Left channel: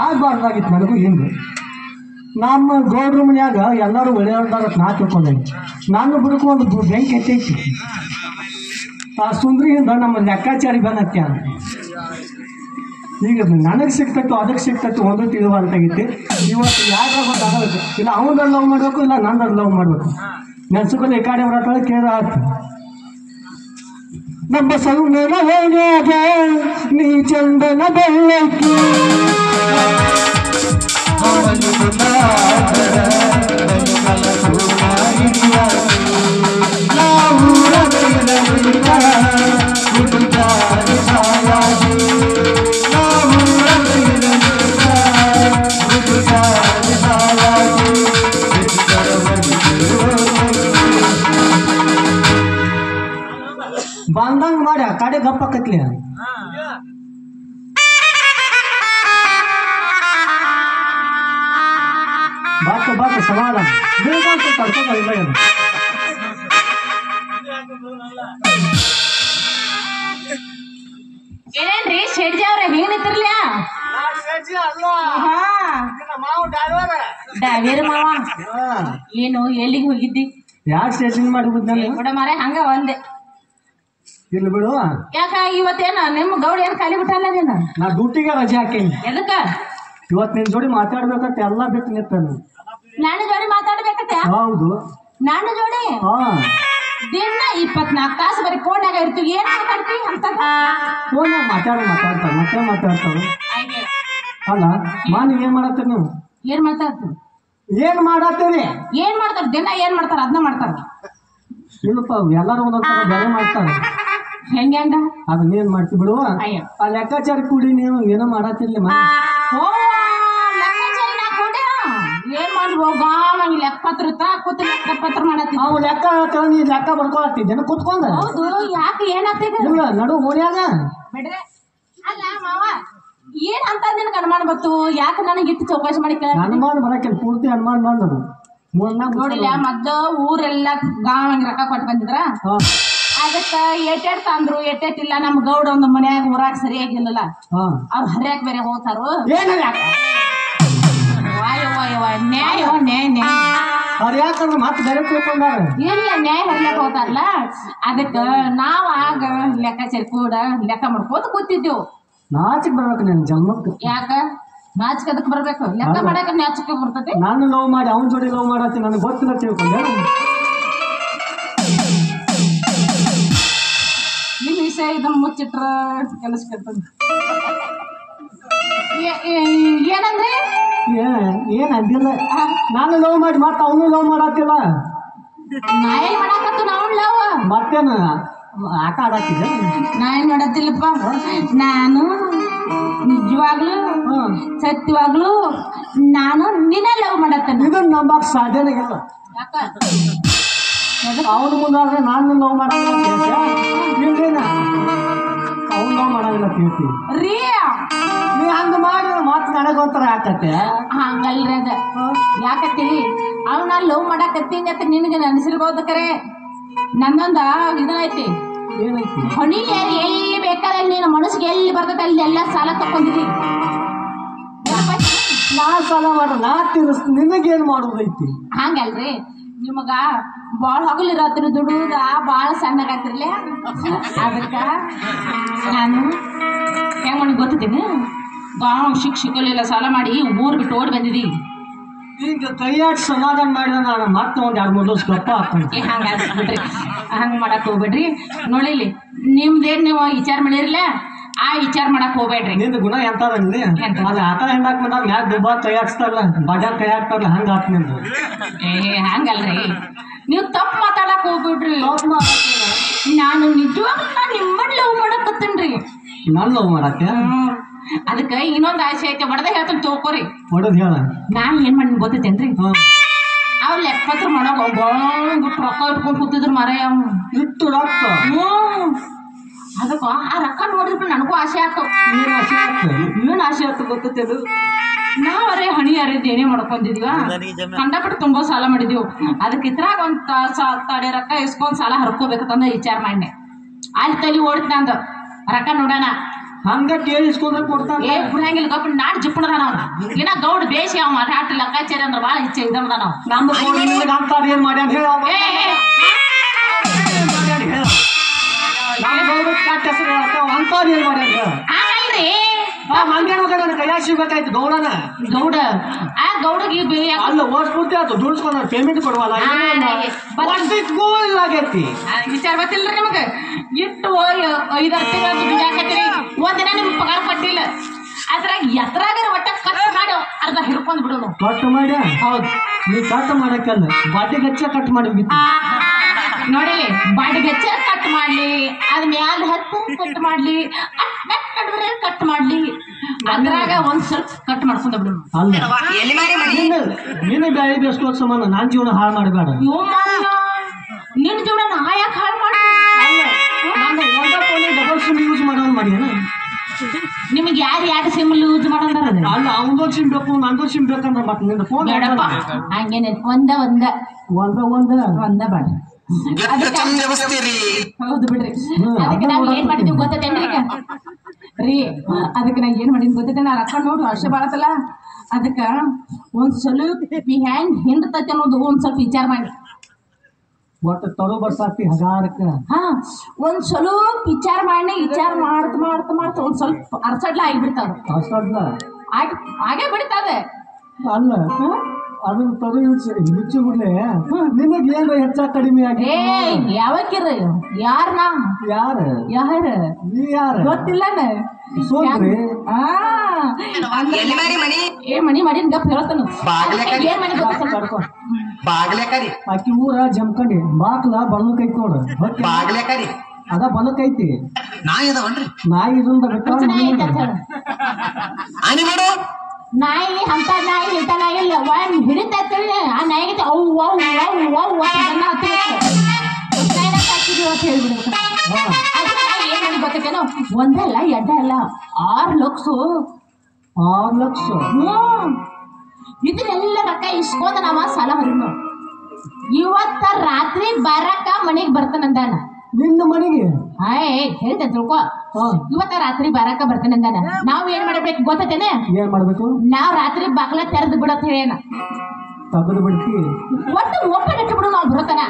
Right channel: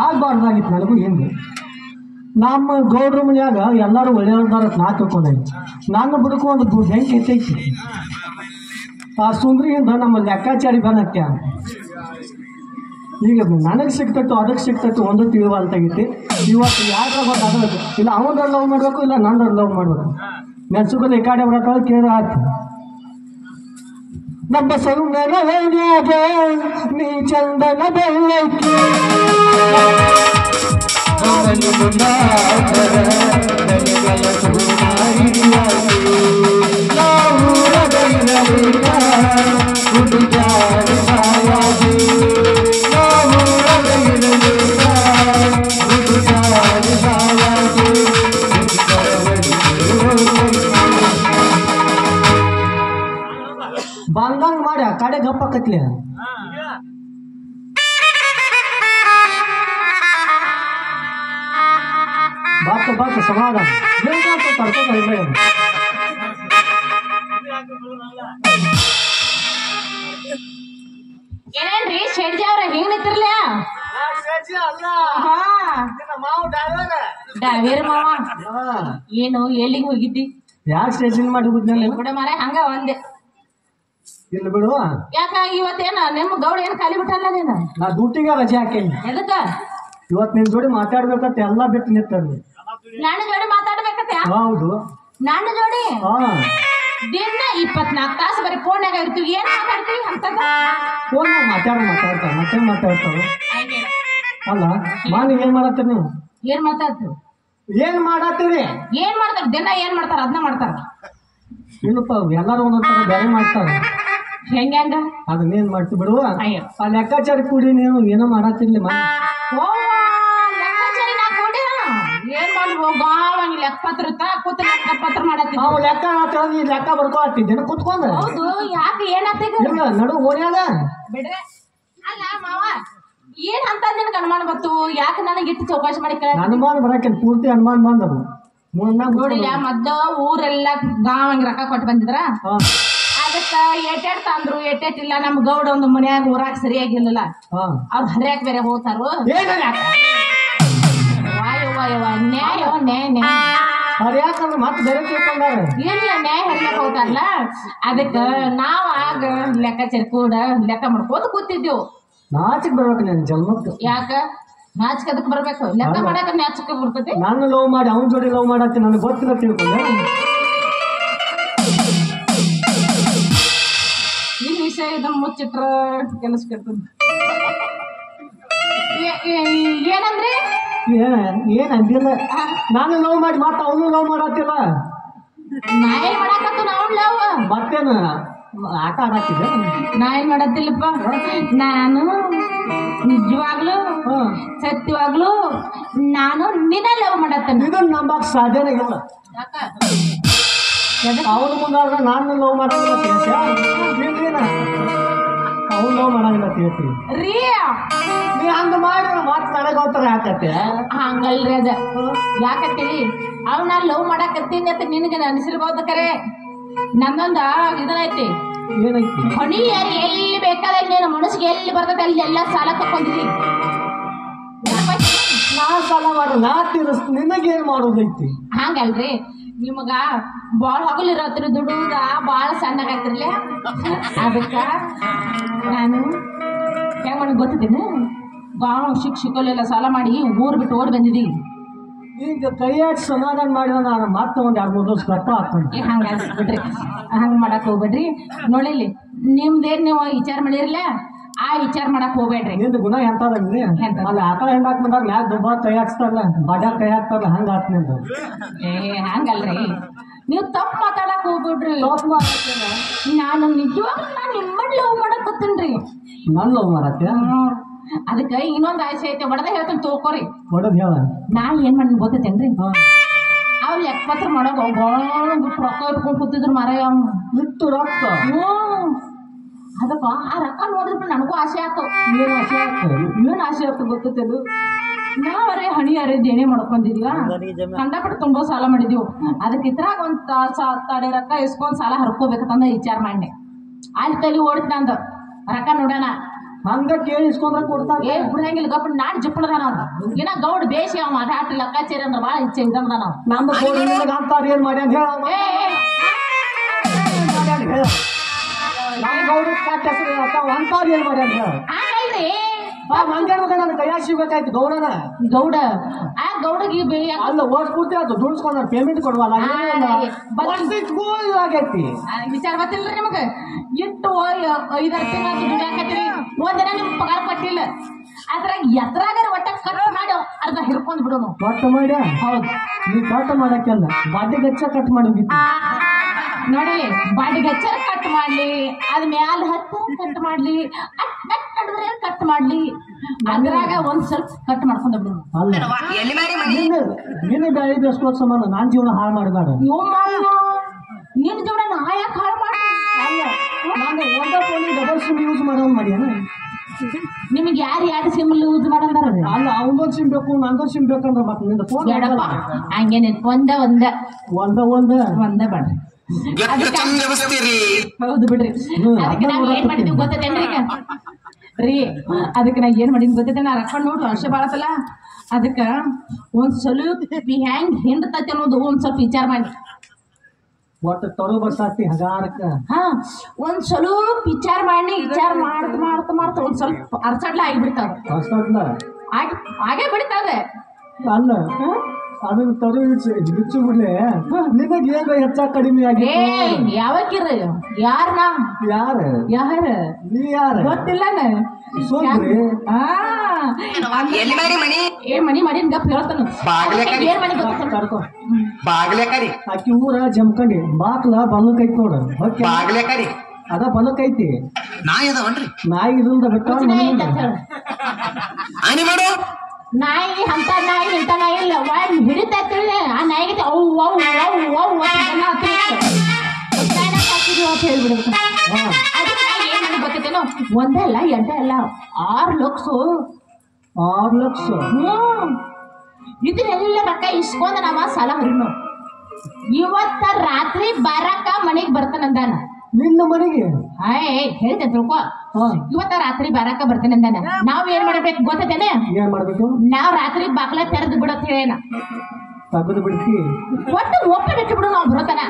ಆಗಬಾರ್ದಾಗಿತ್ತು ನನಗೂ ಹಿಂಗೆ ನಮ್ಮ ಗೌಡ್ರ ಮನ್ಯಾಗ ಎಲ್ಲರೂ ಒಳ್ಳೆಯವ್ರದಾರ ನಾ ತಿಳ್ಕೊಂಡಾಗಿ ನಾನು ಬಿಡ್ಕೊಂಡು ಬೆಂಕಿ ಎತ್ತೈತಿ ಆ ಸುಂದ್ರಿಯಿಂದ ನಮ್ಮ ಲೆಕ್ಕಾಚಾರಿ ಬಂದಕ್ಕೆ ಈಗ ನನಗೆ ಸಿಗ್ತೈತು ಅದಕ್ಕೆ ಸಿಗ್ತೈತು ಒಂದು ತಿಳಿವಾಲ್ತಾಗೈತಿ ಇವತ್ತು ಯಾರು ಗೊತ್ತಾಗಬೇಕು ಇಲ್ಲ ಅವನ ಲವ್ ಮಾಡಬೇಕು ಇಲ್ಲ ನನ್ನ ಲವ್ ಮಾಡಬೇಕು ನೆನ್ಸುಕೊಂಡು ಈ ಕಡೆ ಬರತ್ತ ಕೇಳಿದ್ರೆ ಆಯ್ತು ನಮ್ಮ ಸೌಂದರ್ಯ ನೀ ಚಂದನ ಬೆಳ್ಳಕ್ಕಿ ಬಂದಂಗ ಮಾಡಿ ಆ ಕಡೆ ಗಪ್ಪಕತ್ಲಿ ಬಾತ ಸಮಾಧಾನ ಏನೇನ್ರಿ ಶೆಡ್ಜಿ ಅವ್ರ ಹೆಂಗ್ ನಿಂತಿರ್ಲ ಡಾವೇರ್ ಮಾವ ಏನು ಎಲ್ಲಿಗೆ ಹೋಗಿದ್ದಿ ಯಾಕೆ ಸ್ಟೇಷನ್ ಮಾಡಿ ಬಿಡ ಮಾರ ಹಂಗ ಒಂದೆ ಇಲ್ಲಿ ಬಿಡು ಯಾಕ ಇವತ್ತೇನ ನಿಮ್ಮ ಗೌಡ ಏನ್ ಖಾಲಿ ಬಿಟ್ಟಲ್ಲ ನೀನು ನಾ ಡ್ಯೂಟಿಗೆ ರಜೆ ಹಾಕೇನಿ ಎದಕ್ಕ ಇವತ್ತು ನಿನ್ ಜೋಡಿ ಮಾತಾಡ್ಬೇಕಂತ ಎಲ್ಲ ಬಿಟ್ಟು ನಿಂತನು ನಾನು ಜೋಡಿ ಮಾತಾಡ್ಬೇಕತ್ತ ಹೌದು ನಾನು ಜೋಡಿ ಹಾ ದಿನ 24 ತಾಸು ಬರೀ ಫೋನ್ಯಾಗ ಇರ್ತೀವಿ ಏನ್ ಮಾತಾಡ್ತಿ ಅಂತ ಫೋನ್ ಮಾತಾಡ್ತಾರೆ ಮತ್ತೆ ಮಾತಾಡ್ತಾವೆ ಅಲ್ಲ ನೀವ್ ಏನ್ ಮಾಡತ್ತೀರಿ ನೀವು ಏನ್ ಮಾತಾಡ್ತು ಏನ್ ಮಾಡತ್ತೀರಿ ಏನ್ ಮಾಡ್ತಾರ ದಿನ ಏನ್ ಮಾಡ್ತಾರ ಅದನ್ನ ಮಾಡ್ತಾರ ಇಲ್ಲಪ್ಪ ಎಲ್ಲರೂ ಒಂದೊಂದು ಬೇರೆ ಮಾಡ್ತಾರೆ ಹೆಂಗ ಅದನ್ನೇನ್ ಮಾಡ್ತಿ ಬಿಡುವ ಅಯ್ಯೋ ಆ ಲೆಕ್ಕಾಚಾರ ಕೂಡಿ ನೀವು ಏನೋ ಮಾಡತ್ತಿರ್ಲಿ ಓ ಲೆಕ್ಕಾಚಾರಿ ನಾ ಕೊಡಿ ಏನ್ ಮಾಡ್ಬೋ ಗಾವ ಲೆಕ್ಕಪತ್ರ ಮಾಡತ್ತಿ ನಾವು ಲೆಕ್ಕ ಹೇಳ್ತಾರ ನೀ ಲೆಕ್ಕ ಬರ್ಕೊಳ್ತಿದ್ದೇನೆ ಕುತ್ಕೊಂಡ ಹೌದು ಯಾಕೆ ಏನಾಗ್ತೈತೆ ಇಲ್ಲ ನಡು ಓಣ್ಯಾಗ ಬಿಡ್ರೆ ಅಲ್ಲ ಮಾವ ಏನ್ ಅಂತ ನಿನಗೆ ಅನುಮಾನ ಬತ್ತು ಯಾಕೆ ನನಗೆ ಇಟ್ಟು ಚೌಕಾಶಿ ಮಾಡಿ ಕೇಳ ಅನುಮಾನ ಬರಕ್ಕೆ ಪೂರ್ತಿ ಅನುಮಾನ ಬಂದದು ನೋಡಿಲ್ಲ ಮೊದ್ಲು ಊರೆಲ್ಲ ಗಾವಂಗ್ ರೊಕ್ಕ ಕೊಟ್ಟು ಬಂದಿದ್ರ ಅದಕ್ಕ ಏಟೇಟ್ ತಂದ್ರು ಏಟೇಟಿಲ್ಲ ನಮ್ ಗೌಡ ಒಂದು ಮನ್ಯಾಗ ಊರಾಗ ಸರಿಯಾಗಿಲ್ಲಲ್ಲ ಅವ್ರು ಹರಿಯಾಕ ಬೇರೆ ಹೋಗ್ತಾರು ನ್ಯಾಯ ಯಾಕಂದ್ರೆ ಮತ್ತೆ ಬೇರೆ ತಿಳ್ಕೊಂಡಾರ ಇಲ್ಲ ನ್ಯಾಯ ಹರಿಯಾಕ ಹೋಗ್ತಾರಲ್ಲ ಅದಕ್ಕ ನಾವ್ ಆಗ ಲೆಕ್ಕಾಚಾರ ಕೂಡ ಲೆಕ್ಕ ಮಾಡ್ಕೋತ ಕೂತಿದ್ದೆವು ನಾಚಿಕ್ ಬರ್ಬೇಕು ನನ್ ಜನ್ಮಕ್ಕೆ ಯಾಕ ನಾಚಿಕೆ ಅದಕ್ಕೆ ಬರ್ಬೇಕು ಲೆಕ್ಕ ಮಾಡಾಕ ನಾಚಿಕೆ ಬರ್ತೈತಿ ನಾನು ಲವ್ ಮಾಡಿ ಅವನ ಜೋಡಿ ಲವ್ ಮಾಡತ್ತಿ ನನಗೆ ಗೊತ್ತಿಲ್ಲ ತಿಳ್ಕೊಂಡೆ ಈ ವಿಷಯ ಇದನ್ನ ಮುಚ್ಚಿಟ್ರ ಕೆಲಸ ಕೆಟ್ಟದ ಏನಂದ್ರಿ ಏನ್ ಅಂದಿಲ್ಲ ನಾನು ಲವ್ ಮಾಡಿ ಮತ್ತೆ ಅವನು ಲವ್ ಮಾಡತ್ತಿಲ್ಲ ನಾ ಏನ್ ಮಾಡಾಕತ್ತು ನಾವು ಲವ್ ಮತ್ತೇನು ಆಟ ಆಡತ್ತಿದ್ದೆ ನಾ ಏನ್ ಮಾಡತ್ತಿಲ್ಲಪ್ಪ ನಾನು ನಿಜವಾಗ್ಲು ಸತ್ಯವಾಗ್ಲು ನಾನು ನಿನ್ನ ಲವ್ ಮಾಡತ್ತೇನೆ ಇದನ್ನ ನಂಬಕ್ ಸಾಧ್ಯನೇ ಇಲ್ಲ ಯಾಕ ಅವನ ಮುಂದಾದ್ರೆ ನಾನು ಲವ್ ಮಾಡಲ್ಲ ಇಲ್ಲೇನ ಅವ್ನು ಲವ್ ಮಾಡಲ್ಲ ಹೇಳ್ತೀವಿ ರೀ ನೀ ಹಂಗ ಮಾಡಿದ್ರೆ ಮತ್ತೆ ನನಗೋತ್ತರ ಯಾಕತ್ತೆ ಹಂಗಲ್ರಿ ಅದ ಯಾಕತ್ತೀರಿ ಅವ್ನ ಲವ್ ಮಾಡಾಕತ್ತೀನಿ ಅಂತ ನಿನಗೆ ಅನಿಸಿರ್ಬೋದು ಕರೆ ನನ್ನೊಂದ ಇದೈತಿ ಏನೈತಿ ಹೊಣಿ ಎಲ್ಲಿ ಬೇಕಾದ್ರೆ ನೀನು ಮನಸ್ಸಿಗೆ ಎಲ್ಲಿ ಬರ್ತದೆ ಅಲ್ಲಿ ಎಲ್ಲ ಸಾಲ ತಕೊಂಡಿರಿ ನಾ ಸಾಲ ಮಾಡು ನಾ ತೀರಿಸ್ ನಿನಗೇನ್ ಮಾಡೋದೈತಿ ಹಂಗಲ್ರಿ ನಿಮಗ ಬಾಳ ಹಗಲಿರತ್ರಿ ದುಡುದ ಬಾಳ ಸಣ್ಣಗಾಯ್ತಿರ್ಲಿ ಅದಕ್ಕ ನಾನು ಹೆಂಗ್ ನನಗೆ ಗೊತ್ತಿದ್ದೀನಿ ಗಾಂವ್ ಶಿಕ್ಷಕಲೆಲ್ಲ ಸಾಲ ಮಾಡಿ ಊರ್ ಬಿಟ್ಟು ಓಡಿ ಬಂದಿದ್ದೀವಿ ಈಗ ಕೈಯಾಡಿ ಸಮಾಧಾನ ಮಾಡಿದ ನಾನು ಮತ್ತೆ ಒಂದು 2-3 ವರ್ಷ ಗಪ್ಪ ಹಾಕ್ತೀನಿ ಹಂಗೆ ಬಿಡ್ರಿ ಹಂಗೆ ಮಾಡಕ್ ಹೋಗ್ಬೇಡ್ರಿ ನೋಡಿಲಿ ನಿಮ್ದೇನು ನೀವು ವಿಚಾರ ಮಾಡಿರಲ್ಲ ಆ ವಿಚಾರ ಮಾಡಕ್ ಹೋಗ್ಬೇಡ್ರಿ. ನಿಂದ ಗುಣ ಎಂತದ ನಿಂದೆ ಎಂತದ? ಅಲ್ಲಿ ಆಟ ಹೆಂಡಾಕ್ ಬಂದಾಗ ಮ್ಯಾಗ ದುಬ್ಬ ಕೈ ಹಾಕ್ಸ್ತಾರಲ್ಲ ಬಜಾರ್ ಕೈ ಹಾಕ್ತಾರಲ್ಲ ಹಂಗ ಆತ್ ನಿಂದು. ಹಂಗಲ್ರಿ, ನೀವು ತಪ್ಪು ಮಾತಾಡಕ್ ಹೋಗ್ಬಿಡ್ರಿ. ನಾನು ನಿಜವಾಗ್ಲೂ ನಾನು ನಿಮ್ಮಲ್ಲಿ ಲವ್ ಮಾಡಕತ್ತೇನ್ರಿ. ನಾನು ಲವ್ ಮಾಡತ್ತೆ ಅದಕ್ಕೆ ಇನ್ನೊಂದು ಆಸೆ ಐತೆ, ಹೊಡೆದ ಹೇಳ್ತಾನೆ ತೋಕೋರಿ. ಹೊಡದ್ ಹೇಳ. ನಾ ಏನ್ ಮಾಡಿ ಗೊತ್ತೈತೇನ್ರಿ, ಅವ್ರು ಲೆಕ್ಕಪತ್ರ ಮಾಡೋ ಬಿಟ್ಟು ರೊಕ್ಕ ಇಟ್ಕೊಂಡು ಕೂತಿದ್ರು ಮಾರಾಯ. ಇಟ್ಟು ರೊಕ್ಕ ಅದಕ್ಕ ಆ ರೊಕ್ಕ ನೋಡಿದ್ರೆ ನನಗೂ ಆಸೆ ಆಯ್ತು. ಏನ್ ಆಸೆ ಆಗ್ತದೆ? ಏನ್ ಆಸೆ ಆಯ್ತು ಗೊತ್ತೈತದು, ನಾವರೇ ಹಣಿ ಅರೇಜ್ ಏನೇ ಮಾಡ್ಕೊಂಡಿದ್ವ, ಕಂಡಪಟ್ಟು ತುಂಬಾ ಸಾಲ ಮಾಡಿದ್ವಿ. ಅದಕ್ಕೆ ಇದ್ರಾಗ ಒಂದ್ ತಡೆ ರೊಕ್ಕ ಇಸ್ಕೊಂಡ್ ಸಾಲ ಹರ್ಕೋಬೇಕಂತ ವಿಚಾರ ಮಾಡಿ ಅಲ್ಲಿ ತಲೆ ಓಡಿತ್ ನಂದು. ರೊಕ್ಕ ನೋಡೋಣ ಹಂಗ ಕೇಳಿಸ್ಕೊಂಡ್ರೆ ಕೊಡ್ತಾನ. ಏ ಬಿಡಂಗಿಲ್ಲ ಗಪ್ಪ, ನಾಡ್ ಜಿಪ್ಪಣದ ನಾವು ಇನ್ನ ಗೌಡ್ ಬೇಸಿ ಅವ ಅಟ್ ಲೆಕ್ಕಾಚಾರಿ ಅಂದ್ರೆ ಭಾಳ ಇಚ್ಛೆ ಇದ್ದಮದ ನಾವು. ನಮ್ಮ ಅಂತಾರ ಏನ್ ಮಾಡ್ಯಾನ ಹೇಳ. ನಮ್ಮ ಗೌಡ ಕಾಟ ಹೆಸರು ಅಂತಾರ ಏನ್ ಮಾಡ್ಯಾನ ಹೇಳ. ಆಗಲ್ರಿ, ಮಂಗ್ಯಾನ ಮಗ ನನ್ನ ಕೈಯಾಗ ಸಿಗ್ಬೇಕಾಯ್ತು ಗೌಡನ. ಗೌಡ ಆ ಗೌಡಗೆ ಅಲ್ಲ ಓಡ್ಸ್ಬಿಡ್ತಿ ಅದು ದುಡ್ಸ್ಕೊಂಡ ಪೇಮೆಂಟ್ ಕೊಡವಲ್ಲ ಆಗೈತಿ. ವಿಚಾರ ಗೊತ್ತಿಲ್ರಿ ನಿಮ್ಗೆ. ಇಟ್ಟು 5-6 ತಿಂಗಳು ದುಡ್ಯಾಕತ್ತೀರಿ, ಒಂದಿನ ನಿಮ್ಗೆ ಪಗಾರ ಕೊಟ್ಟಿಲ್ಲ. ಅದ್ರಾಗ ಎತ್ರಾಗ ಒಟ್ಟ ಕಟ್ ಮಾಡಿ ಅರ್ಧ ಹಿಡ್ಕೊಂಡ್ ಬಿಡೋನು. ಕಟ್ ಮಾಡಿ ಹೌದು, ನೀ ಕಟ್ ಮಾಡಕ್ಕಲ್ಲ ಬಾಡಿ ಗಚ್ಚ ಕಟ್ ಮಾಡಿ ನೋಡಿ, ಬಾಡಿ ಗಚ್ಚ ಕಟ್ ಮಾಡ್ಲಿ, ಅದ್ ಮ್ಯಾಲ ಹತ್ತು ಕಟ್ ಮಾಡ್ಲಿ, ಕಟ್ ಮಾಡ್ಲಿ, ಅದ್ರಾಗ ಒಂದ್ ಸ್ವಲ್ಪ ಕಟ್ ಮಾಡ್ಕೊಂಡ ಬಿಡೋನು. ಅಲ್ಲ ನೀನೇ ಬ್ಯಾಳಿ ಬೇಸ್ಕೋ ಸಂಬಂಧ ನಾನ್ ಜೀವನ ಹಾಳು ಮಾಡಬೇಡ. ನಿನ್ ಜೀವನ ನಾ ಯಾಕೆ ಹಾಳು ಮಾಡಿ? ನಾನು ಒಂದ ಫೋನಿಗೆ ಡಬಲ್ ಸಿಮ್ ಯೂಸ್ ಮಾಡೋದು ಮಾಡ್ಯಾನ. ನಿಮ್ಗೆ ಯಾರು ಸಿಮ್ ಯೂಸ್ ಮಾಡಂದಾರ? ಅಲ್ಲ ಅವನದೊಂದು ಸಿಮ್ ಬೇಕು ನಂದೊಂದು ಸಿಮ್ ಬೇಕಂದ್ರೆ ಮತ್ತೆ ನಿಂದ ಫೋನ್ ಬೇಡಪ್ಪ, ಹಂಗೇನೆ ಒಂದ ಬೇಡ. ಹೌದು ಬಿಡ್ರಿ. ಅದಕ್ಕೆ ನಾವ್ ಏನ್ ಮಾಡಿದ್ವಿ ಗೊತ್ತೇನ್ರಿ ರೀ, ಅದಕ್ಕೆ ನಾ ಏನ್ ಮಾಡಿದ್ ಗೊತ್ತೈತೆ, ನಾ ರೊಕ್ಕ ನೋಡು ವರ್ಷ ಬಾಳತ್ತಲ್ಲ, ಅದಕ್ಕ ಒಂದ್ ಸ್ವಲ್ಪ ಹೆಂಗ್ ಹಿಂಡ್ತೈತಿ ಅನ್ನೋದು ಒಂದ್ ಸ್ವಲ್ಪ ವಿಚಾರ ಮಾಡಿ. ಒಟ್ಟು ತರು ಬರ್ಸಾತಿ ಹಗಾರಕ್ಕ. ಒಂದ್ ಸ್ವಲ್ಪ ವಿಚಾರ ಮಾಡಿ, ವಿಚಾರ ಮಾಡ್ತಾ ಒಂದ್ ಸ್ವಲ್ಪ ಅರ್ಸಡ್ಲ ಆಗಿಬಿಡ್ತಾವ. ಹಾಗೆ ಬಿಡ್ತಾವೆ. ಅಲ್ಲ ಅದನ್ನ ತರು ಬಿಚ್ಚು ಬಿಡ್ಲೆ ನಿನಗೆ ಏನ್ರ ಹೆಚ್ಚ ಕಡಿಮೆ ಆಗಿ. ಯಾವಕ್ಕಿರ ಯಾರನಾ ಯಾರ ನೀ ಯಾರ ಗೊತ್ತಿಲ್ಲ. ಮನಿ ಮಾಡಿ ಗಪ್ ಹೇಳ್ತಾನ. ಆಕಿ ಊರ ಜಮ್ಕಂಡಿ ಬಾಕ್ಲ ಬಲಕ್ ಐತಿ ನೋಡು. ಅದ ಬಲಕ್ ಐತಿ ನಾಯಿ ಇದರಿಂದ ಬಿಟ್ಟ ನಾಯಿ ಅಂತ ನಾಯಿ ಇಂತ ನಾಯಿ ಇಲ್ಲ. ಹಿಡಿತೈತಿ ಆ ನಾಯಿಗೆ ಅವ್ವ ಹೇಳ್ಬಿಡ್ಬೇಕು. ಏನ್ ಮಾಡಿ ಗೊತ್ತೈತೇನೋ, ಒಂದಲ್ಲ ಎಡ್ಡ ಅಲ್ಲ 6 ಲಕ್ಷ. ಇದನ್ನೆಲ್ಲ ರೊಕ್ಕ ಇಸ್ಕೊಂಡ್ ನಾವ ಸಾಲ ಹೊರಿನು. ಇವತ್ತ ರಾತ್ರಿ ಬರಕ ಮನೆಗ್ ಬರ್ತಾನಂದಾನ. ನಿನ್ನ ಮನೆಗೆ ಹೇಳ್ತೇನೆ ತಿಳ್ಕೊ. ಇವತ್ತ ರಾತ್ರಿ ಬರಾಕ ಬರ್ತೇನೆ ಅಂದಾನ. ನಾವ್ ಏನ್ ಮಾಡ್ಬೇಕು ಗೊತ್ತೇನೆ? ಏನ್ ಮಾಡ್ಬೇಕು? ನಾವ್ ರಾತ್ರಿ ಬಾಗ್ಲ ತೆರೆದು ಬಿಡತ್ ಹೇಳೇನ ತೆಗೆದು ಬಿಡ್ತಿ. ಒಟ್ಟು ಓಪನ್ ಇಟ್ಟು ಬಿಡು. ನಾವ್ ಬರೋತನ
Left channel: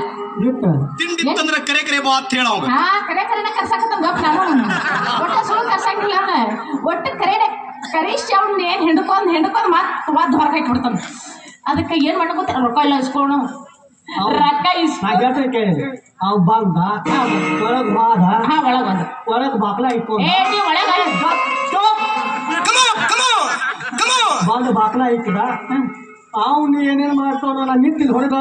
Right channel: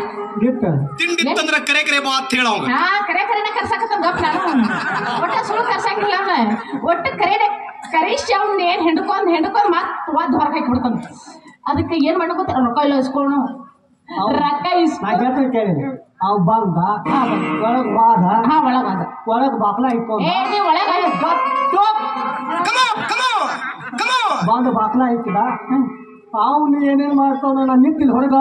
ಕರೆ ಕರ್ಸಾಕತ್ತ ಗಪ್. ನಾನು ಒಟ್ಟ ಸುಳ್ಳು ಕರ್ಸಂಗಿಲ್ಲ. ಅವನ ಒಟ್ಟು ಕರೆಸಿ ಅವ್ನ ಹೆಂಡ್ಕೊಂಡ್ ಮತ್ ವಾದ್ ಹೊರಗೆ ಹಾಕಿ ಬಿಡ್ತಾನ. ಅದಕ್ಕೆ ಏನ್ ಮಾಡ ಗೊತ್ತ, ರೊಕ್ಕ ಎಲ್ಲ ಇಸ್ಕೊಳ ರೊಕ್ಕ ಕೇಳಿ ಅವ್ ಬಂದ ಒಳಗ್ ಬಾದ ಒಳಗ್ ಬಾಕ್ಲ ಇಟ್ಕೊಂಡ್ ಬಂದು ಬಾಕ್ಲ ಇಟ್ಟದ. ಅವ್ನು ಏನೇನ್ ಮಾಡ್ತಾನ ನಿಂತಿಲ್ ಹೊರಗ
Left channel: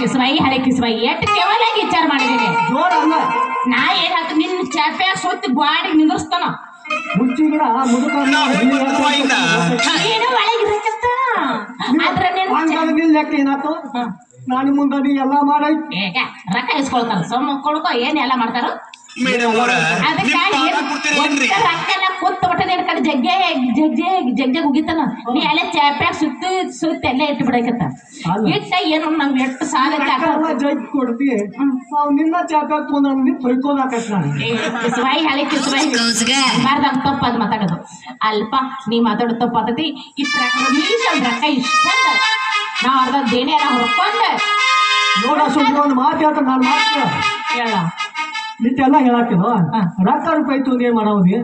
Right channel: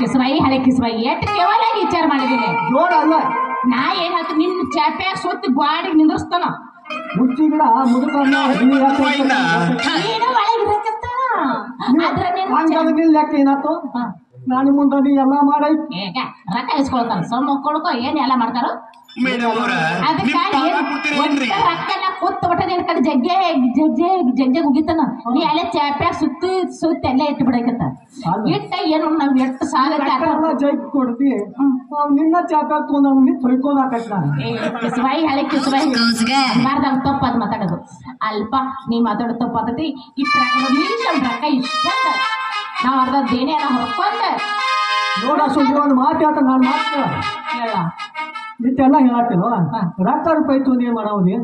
ಕಿಸ್ಮೈ ಹಳೆ ಕಿಸ್ಮೈ ಎಟ್ಟು ಕೇವಲ ವಿಚಾರ ಮಾಡಿದೀನಿ. ಜೋರ ಅಲ್ಲ ನಾ ಏನಾಯ್ತು ನಿನ್ನ ಚಾಪ್ಯಾಗ ಸೊತ್ತಿ ಗಾಡಿಗೆ ನಿಂದಿರ್ಸ್ತಾನ. ಮುಂಚಿ ಗಿಡ ಲೆಕ್ಕ ಏನಾಯ್ತು, ನಾನು ಮುಂದೆ ಎಲ್ಲಾ ಮಾಡಿ ರೊಕ್ಕ ಇಸ್ಕೊಳ್ತಾರ. ಸೊಮ್ಮ ಕೊಡ್ಕೊ ಏನ್ ಎಲ್ಲ ಮಾಡ್ತಾರ. ರೊಕ್ಕನ ಕೂತ್ ಬಿಟ್ಟದ ಕಡೆ ಜಗ್ಗೆ ಉಗಿತಾನ. ನೀ ಅಲ್ಲೇ ಚಾಪ್ಯಾಗ ಸುತ್ತಿ ಅಲ್ಲೇ ಇಟ್ಟು ಬಿಡಕತ್ತ. ಇಟ್ಟ ಏನು ನಮ್ ಎಷ್ಟು ಸಾಲ ಜಗ್ ಕೊಡ್ತಿ ನಿನ್ನ ಚಾಪ್ಯಾಗ ಕಿಸ್ಬಾಯಿ ಹಳೆ ಕಿಸ್ಬಾಯಿ ಮಾರ್ದಾಗ ತಪ್ಪ ಅದ್ ಮಾತಾಡೋದು ಅಲ್ಪ. ನೀ ಮಾತಾಡೋ ತಪ್ಪಾತತಿ. ಇಷ್ಟ ರೊಕ್ಕ ಇಷ್ಟೊಂದ ನಾವ್ ಅರ್ಧ ದೇಣೆ ಎಲ್ಲ ಹೊರ್ಕೊಂಡ ಮಾತು ಹೇಳ್ತಾನೆ. ನಾನು ಮಾತ್ರ ಹೇಳ ಇಷ್ಟೆಲ್ಲ ಹೇಳತ್ತಿಲ್ಲ. ರೊಕ್ಕ ರೂಪಾಯಿ ಏನ್ ಮಾಡೋದಿ?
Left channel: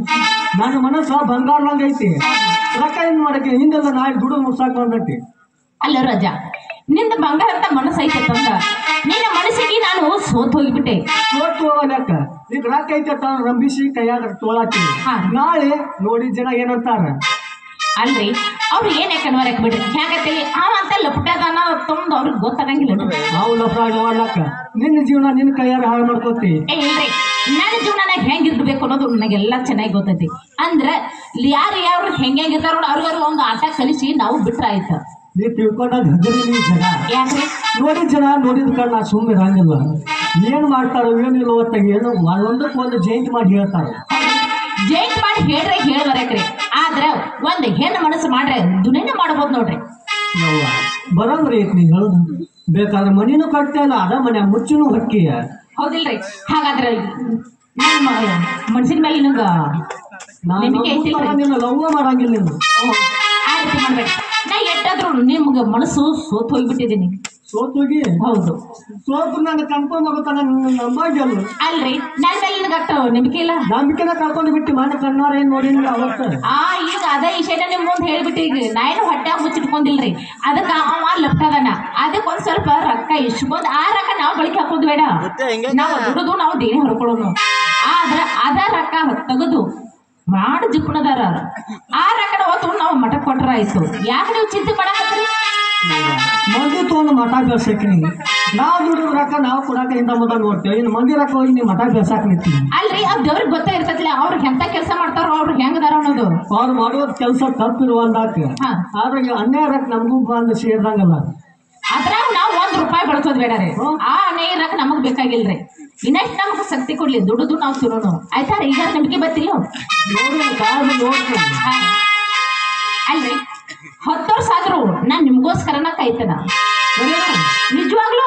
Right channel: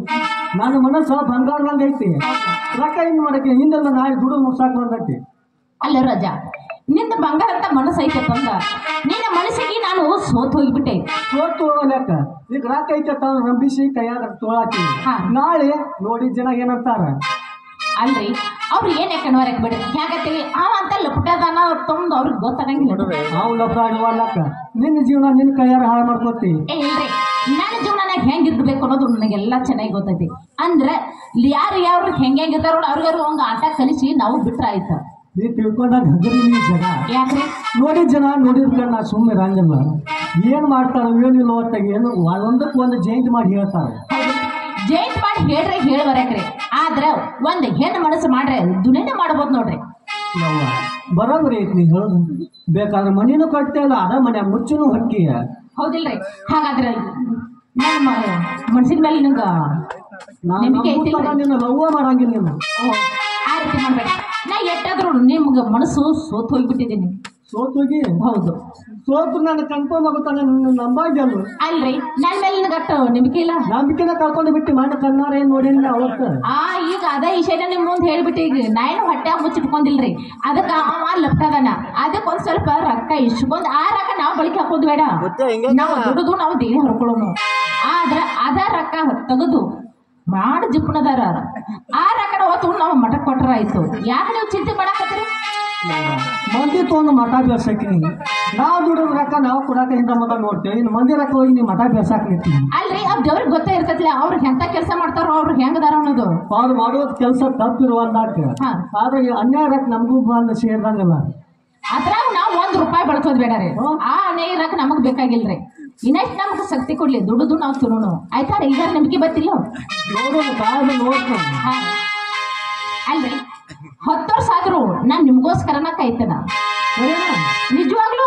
ನನ್ನ ಮನಸ್ಸ ಬಂಗಾರದಂಗ ಐತಿ. ರೊಕ್ಕ ಏನ್ ಮಾಡಕ್ಕೆ ಹಿಂದೆಲ್ಲ ನಾಳೆ ದುಡ್ಡು ಮುಗ್ಸಾಕ್ ಬಂದೈತಿ. ಅಲ್ಲ ರಜಾ, ನಿಂದ ಬಂಗಾರ ಅಂತ ಮನಸ್ಸು ಐತೆ ತಂದ ನಿನ್ನ ಮನಸ್ಸಿಗೆ ನಾನು ಸೋತ್ ಹೋಗಿಬಿಟ್ಟೆ. ಸೋತು ಹೋಗಲಕ್ಕ ಈಗ ರೊಕ್ಕ ಕಟ್ಟ ರಂಬಿಸಿ ಕೈಯಾಗ ತೋಳಾಕಿ ಹಾ. ನಾಳೆ ನೋಡಿ ಜನ ಏನಂತಾರ ಅಲ್ರಿ ಅವ್ರು ಏನ್ ಯಾಕೆ ನೋಡಕ್ ಬಿಡ್ರಿ ಹೇಗತ್ತೀವಿ ಅವ ಅಂತ ಲಪಟದಾನ ತೊಂದು ಅವ್ರಿಗೆ ಗೊತ್ತಾಗಂಗಿಲ್ಲ ನಾವು ಮಾಡ್ಲಕ್ಕ ನಿನ್ನ ಜೀವನ ನಿನ್ನ ಕೈಯಾರ ಹಾಳು ಮಾಡ್ಕೋತಿ ಏ ಇಲ್ರಿ ನನ್ನ ಜೀವನ ಹೆಂಗಿರ್ಬೇಕು ಅನ್ನೋದು ನನಗೆಲ್ಲ ಚೆನ್ನಾಗಿ ಗೊತ್ತೈತಿ ಅಂದ್ರೆ ಯಾರು ಹೆಂಗಿರ್ತಾರ ಅವ್ರಿಗಾರು ಒಂದು ಆಟ ಕಲಿಸಿ ನಾವು ಬಿಟ್ರ ಆಯ್ತು ನೀ ತಿಳ್ಕೊಂಡಾಗ ಹಗರಿ ಜನ ಯಾಕ್ರಿ ನೋಡಿದ ಜನ ನೋಡಿದ ಕಾರಣ ನಾ ಸುಮ್ಮನೆ ಇರಂಗಿಲ್ಲ ಏನ್ ಮಾಡ್ತಾರೋ ಏನಿಲ್ಲ ಹೊತ್ತಾಗ ಏನು ಒಂದಕ್ಕೆ ಒಂದು ಜೈಂಟ್ ಮಾಡಿ ಹೇಳ್ತಾರ ಜೈಂಟ್ ಮಾಡಿ ಹೇಳ್ರೆ ಹೇಳ್ಬರ್ಯಾಕ್ರಿ ಆದ್ರೆ ಒಂದ್ ಹೆಣ್ಣು ಮನಸ್ಸು ಮಾಡ್ರೆ ದುನಿನ ಮಾಡ್ಬೋದು ನೋಡ್ರಿ ಬರೋಬ್ರಿ ಐತಿ ನೀ ಹೇಳೋದು ಬೇಕಾದ್ರೆ ಮನಿನೂ ಕಟ್ತಾ ಇಲ್ಲ ಅದ ಮನೆ ಮುಚ್ಚುನು ಹೊಕ್ಕಿಯ ಹೌದಿಲ್ರಿ ಹಾಗಾದ್ರೆ ನಮ್ಮ ಮನ್ಸಿನ ಮೇಲೆ ನಿನಗ ನಂಬಿಕೆ ಐತಿಲ್ರಿ ನೀನು ಲವ್ವ ಮಾಡಂಗಿಲ್ಲ ನೀನು ಆ ರೀತಿ ಮಾಡ್ಬೇಡಿ ನಾ ಎಷ್ಟಾದ್ರೂ ನಿಮ್ಗೆ ಮನಸ್ಸು ಸೋತ್ ಹೋಗ್ಬಿಟ್ಟಿದ್ದೀನಿ ಸೋತೋಗಿ ಹೌದು ಸೋತು ನಾನು ಕನ್ಫರ್ಮ್ ಆಗುತ್ತಾನ ನಿನ್ನ ನಂಬಾಗ್ಯಲ್ಲ ಅಲ್ರಿ ನನ್ನ ಮೇಲೆ ನಿನಗಟ್ಟು ನಂಬಿಕೆ ಇಲ್ಲ ನಂಬಿಕೆನ ಕಳ್ಕೊಂಡು ಬಿಟ್ಟು ಮನೆ ಕಣ್ಣಾರ ಏನ್ ನೋಡಿ ಅವತ್ತ ಈಗ ಅದೇ ವಿಷಯನ ನಿಮ್ ಮುಂದೆ ಹೇಳ್ಬಿಟ್ಟು ಈಗ ನಾ ಏನು ಹೊಟ್ಟೆ ಮುಚ್ಚಿಟ್ಕೊಂಡಿಲ್ರಿ ಅದಕ್ಕೆ ಅವ ಲಪ್ಟದನ ಅದಕ್ಕೆ ಒಂದ್ ಸ್ವಲ್ಪ ರೊಕ್ಕ ಇಸ್ಕೊಂಡ್ ಆ ರೊಕ್ಕ ನಾವು ಬಳಕೆ ಹಾಕೋದು ಬೇಡ ನಾವು ದುಡಿದು ನಾವು ದೇಣಿ ಹೊರ್ಕೊಳ್ಳೋನು ಆದ್ರ ಅದ ರೊಕ್ಕ ತೆಗೆದು ಮಾಡಿ ಜಿಪ್ಪಣದಾರ ಆ ರೊಕ್ಕನ ಹೊತ್ತು ನಾವು ಮಠ ಕೊಟ್ರ ಆಯ್ತು ಯಾಕೆ ನೀವು ಚಿಂತೆ ಮಾಡಕತ್ತೀರಿ ಮಂದಿ ತೊಗೊಂಡು ಮಠ ಬೆಳ್ಸಾಕಿನಿ ನಾವು ದುಡಿದ ರೊಕ್ಕ ನಾವು ಕೊಡಾಕ ಹಿಂದ ಮೊದಲ ನೋಡ್ತೇವೆ ಇನ್ನು ಮಂದಿ ರೊಕ್ಕ ಹೋಗಿ ನೀವು ಮಠ ಬೆಳ್ಸಾಕ ನಿಂತೀನಿ ಅಲ್ರಿ ಅದ್ ದೇವ್ರಿಗೆ ಗೊತ್ತೇ ಇರ್ತೈತಿಲ್ಲ ಅವ್ರು ಎಂತ ಕೆಲಸ ಮಾಡ್ತಾರೋ ಅವ್ರು ಹೆಂಗದಾರ ಅನ್ನೋದು ಅವ್ರು ಮಾಡೋದ್ ಕೆಲಸ ತಪ್ಪಿರುವ ಅಂದಾಕ ಹಾ. ಆದ್ರೆ ಅನ್ಯಾಯ ರೊಕ್ಕ ನಮಗೂ ಬಂದು ಸೇರ್ದಂಗಲ್ಲ ಅದ್ರಾಗ ನಾವು ₹1 ಬಳಸೋದು ಬೇಡ ರೀ ಆ ಅನ್ಯಾಯ ರೊಕ್ಕ ನಮಗ್ ಬೇಕಾಗಿಲ್ರಿ ಇನ್ನಷ್ಟು ನಮ್ಗೆ ಶಕ್ತಿ ಕೊಡ್ಲಿ ದುಡಿದು ನಾವು ತಿನ್ನೋನು ಆಯ್ತಾ ರೀ ಈಗ ನಿಮ್ಗೆ ಬರ್ತಿಲ್ಲ ನೋಡೋದು ಕಾದು ನೋಡ್ತೇನೆ ಅಲ್ರಿ 10 ವರ್ಷ ಆದ್ರೂ ನಾನ್ ನಿಮ್ಗೋಸ್ಕರನ ಕಾಯ್ತೇನ ನಿಜವಾಗ್ಲು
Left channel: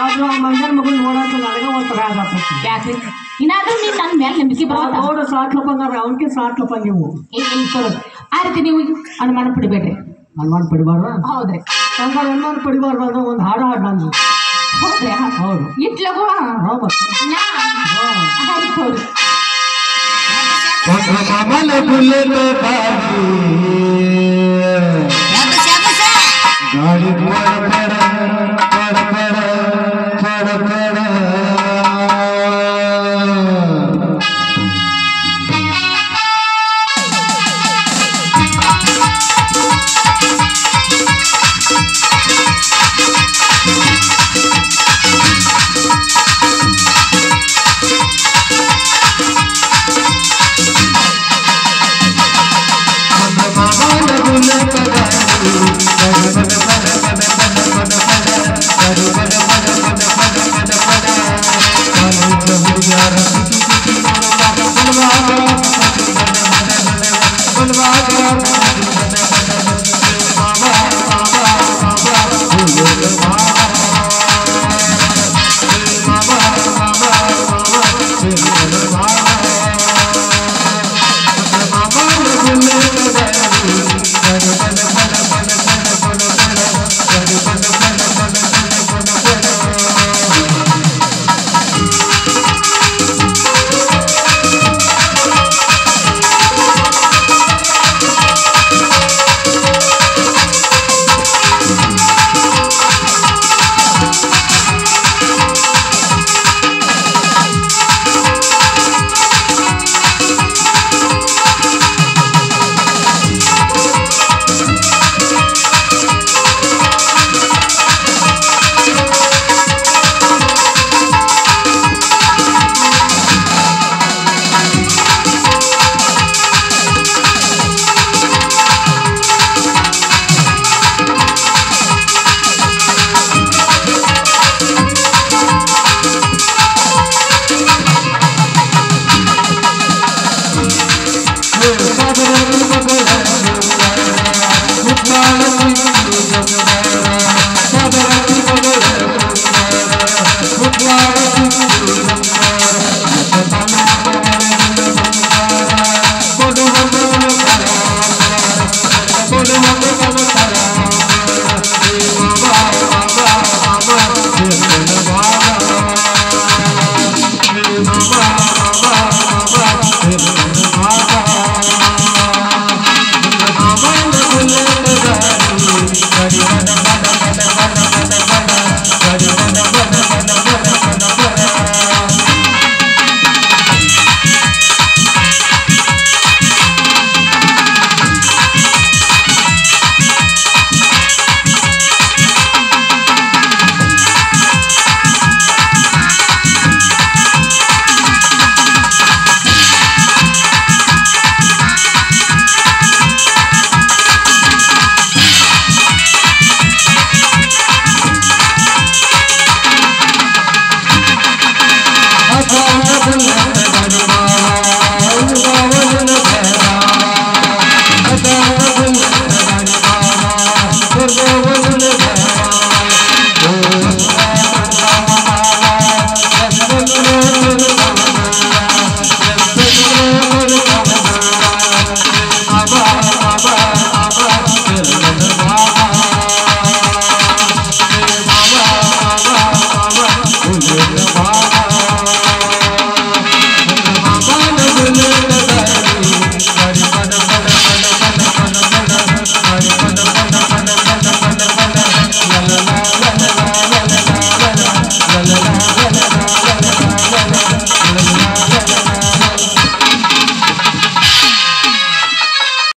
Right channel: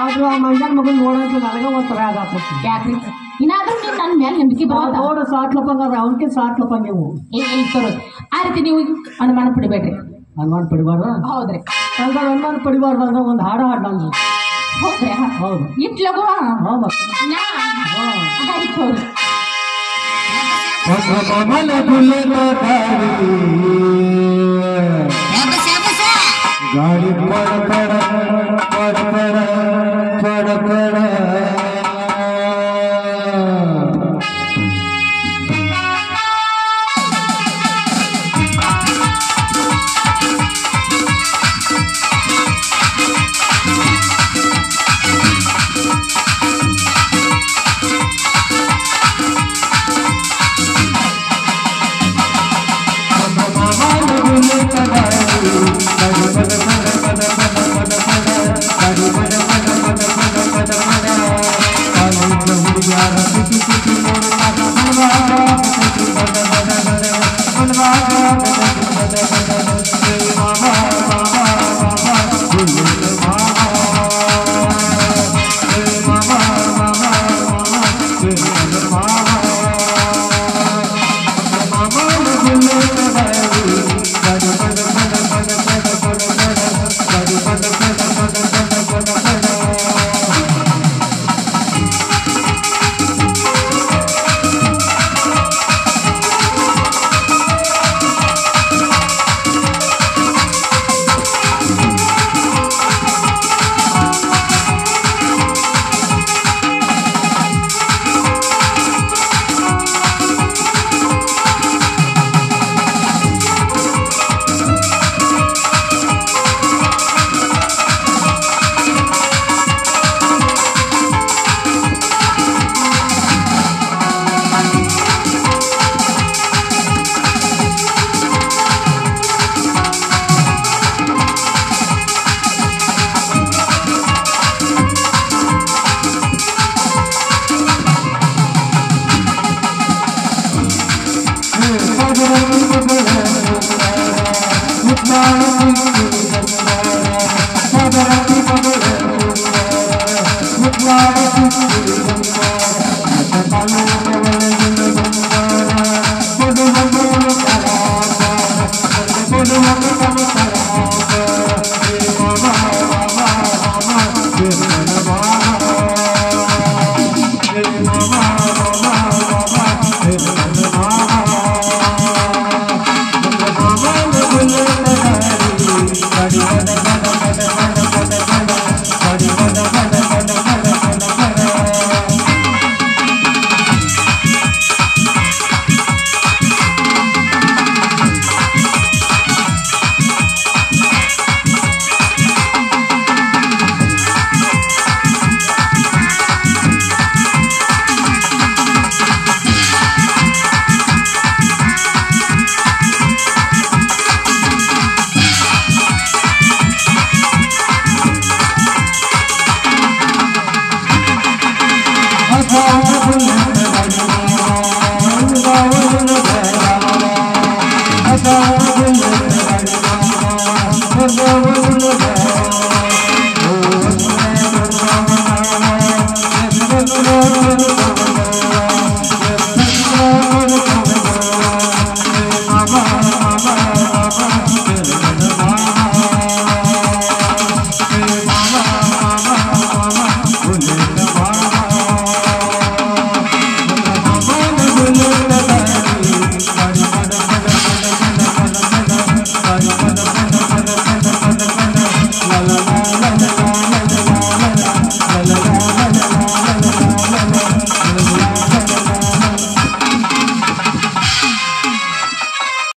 ಆದ್ರೂ ಆ ಮಂದಿರ ಮಗಳು ನೋಡೋದು ನನಗೆ ಒಂಥರ ಆಗತ್ತೆ ಯಾಕ್ರಿ ಇನ್ನಾದ್ರೂ ನೀನ್ ನನ್ನ ಮೇಲೆ ನಂಬಿಕೆ ಬರ್ತದ ನೋಡು ಸಾತ್ಲಪ್ಪ ಅಂದ್ರೆ ಅವನಿಗೆ ಸಾತ್ಲಪ್ಪ ನೀವು ಆ ರೀತಿ ನೀವು ಅನುಮಾನ ಪಡಿಬೇಡ್ರಿ ಅನುಮಾನ ಪಡಿಬಾರ್ದ ಹೌದ್ರಿ ಹಂಗ ಅನುಮಾನ ಪಡಿಬಾರ್ದು ಅಂದ್ರೆ ಒಂದು ಹಾಡು ಹಾಡು ನಾನು ಹೌದ್ರಿ ಹೌದು ಇಟ್ಲಗೋ ಹಾ ಮತ್ತೆ ನಾ ಆಯ್ತು ಹೌದ್ರಿ ಕಮಲ ಫುಲದ ಗಾಡಿ ಪಡ ಪಡ ಪಡ ಪಡ ಪಡ ಪಡ